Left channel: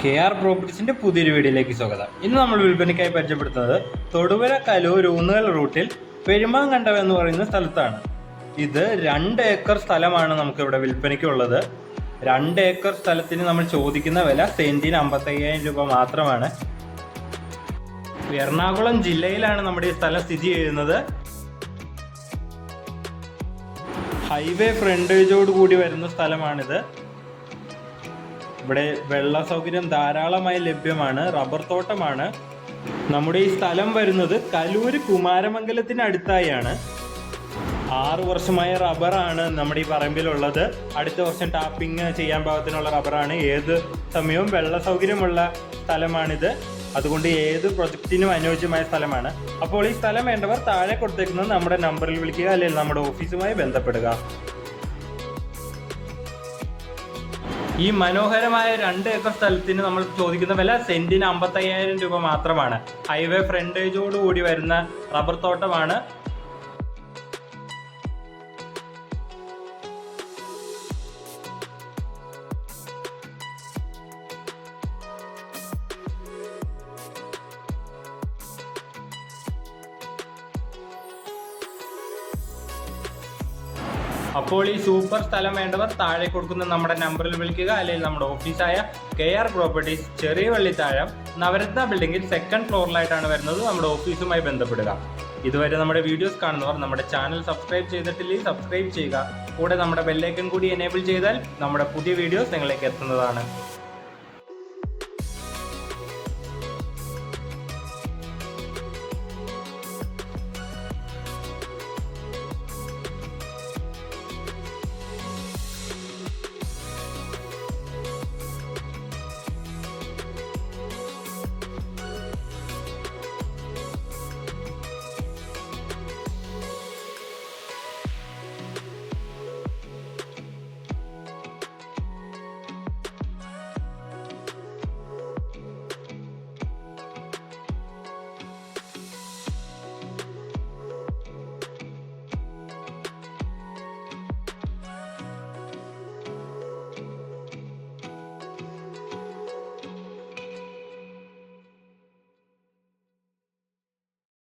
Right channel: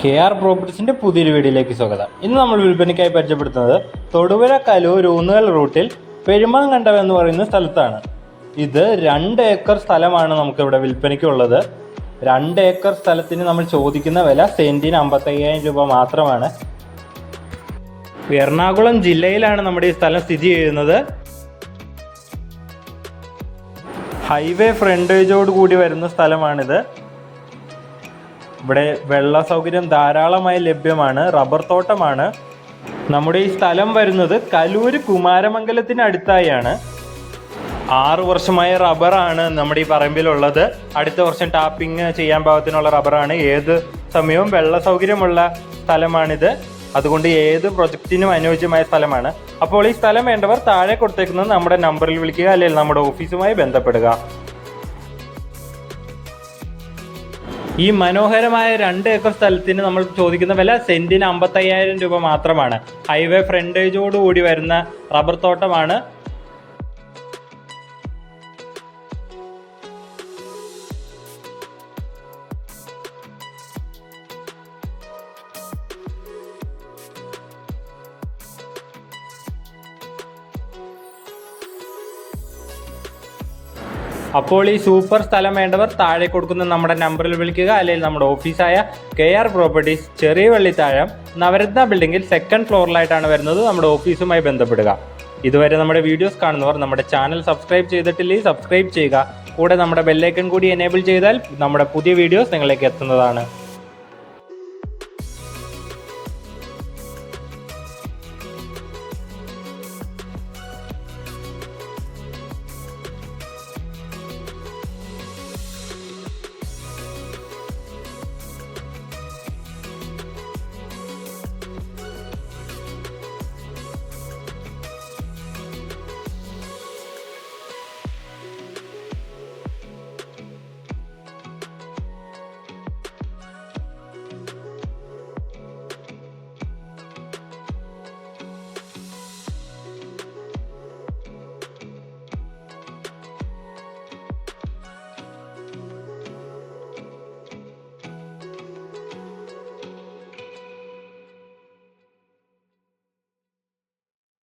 KR പ്രോപ്പർട്ടീസിന്റെ പുതിയൊരു വീഡിയോയിലേക്ക് സ്വാഗതം. ഇന്ന് നമ്മൾ വിൽപ്പനയ്ക്കായി പരിചയപ്പെടുത്തുന്നത് തൊടുപുഴ കലൂർ ഊന്നുകൽ റൂട്ടിൽ പെരുമാങ്കണ്ടം എന്ന് പറയുന്ന സ്ഥലത്താണ്. ഇത് 2 ഏക്കർ സ്ഥലമാണ് നമുക്കിവിടെ വിൽപ്പനയ്ക്കുള്ളത്. 2 ഏക്കർ സ്ഥലത്തിന് നമ്മൾ ചോദിക്കുന്ന വില സെന്റിന് 55,000 രൂപ മാത്രമാണ്. എറണാകുളം ജില്ലയിലാണ് നമ്മുടെ ഈ സ്ഥലം സ്ഥിതി ചെയ്യുന്നത്. ഹൈവേ ഫ്രണ്ടേജോട് കൂടി വരുന്ന സ്ഥലമാണിത്. ഇവിടെ വെള്ള സൗകര്യം ധാരാളമായി ലഭ്യമാണ്. റബ്ബർ തോട്ടമാണ്. നമ്മുടെ ഈ സ്ഥലം വരുന്നത് കലൂര് കുമാരമംഗലത്തിന് അടുത്തായാണ്. 6 വർഷമായ റബ്ബറാണ് നമ്മുടെ ഈ പറമ്പിലുള്ളത്. അടുത്ത വർഷം ടാപ്പിംഗ് ചെയ്യാൻ പാകത്തിനുള്ള റബ്ബറാണ്. ഏത് സമയവും വെള്ള സൗകര്യമുള്ള സ്ഥലമാണിത്. അതുകൊണ്ട് ഏത് പ്രൊജക്റ്റിനും അനുയോജ്യമായ സ്ഥലമാണ്. അപ്പോൾ ഈ സ്ഥലം വേണ്ടവർ താഴെ കൊടുത്തേക്കുന്നത് നമ്മുടെ നമ്പറിൽ വിളിക്കുക, അല്ലെങ്കിൽ നമ്മുടെ ഓഫീസുമായി ബന്ധപ്പെടുക. ഈ മനോഹരമായ 2 ഏക്കർ സ്ഥലത്തിന് നമ്മൾ ചോദിക്കുന്ന വില സെന്റിന് 55,000 രൂപ മാത്രമാണ്. ഹൈവേ ഫ്രണ്ടേജോട് കൂടി വരുന്ന റബ്ബർ തോട്ടമാണ്. അപ്പോൾ ഈ സൂപ്പർ സ്ഥലം വേണ്ടവർ താഴെ കൊടുക്കുന്ന നമ്മുടെ നമ്പറിൽ വിളിക്കുക, അല്ലെങ്കിൽ നമ്മുടെ ഓഫീസായ KR പ്രോപ്പർട്ടീസ്, ചെറിയ വള്ളിത്താഴം, നവരത്ന ബിൽഡിംഗിൽ 2nd ഫ്ലോറിലായിട്ടാണ് വരുന്നത്. നമ്മുടെ ഓഫീസുമായി ബന്ധപ്പെടുക. ഇതുവരെ നമ്മുടെ വീഡിയോസ് കാണുന്നവർ നമ്മുടെ ചാനൽ സബ്സ്ക്രൈബ് ചെയ്തിട്ടില്ലെങ്കിൽ സബ്സ്ക്രൈബ് ചെയ്യുക. കൂടെ നമ്മുടെ ബെല്ലൈക്കൺ കൂടി എനേബിൾ ചെയ്താൽ നമ്മുടെ പുതിയ വീഡിയോസ് നിങ്ങളിലേക്ക് എത്തുന്നതാണ്.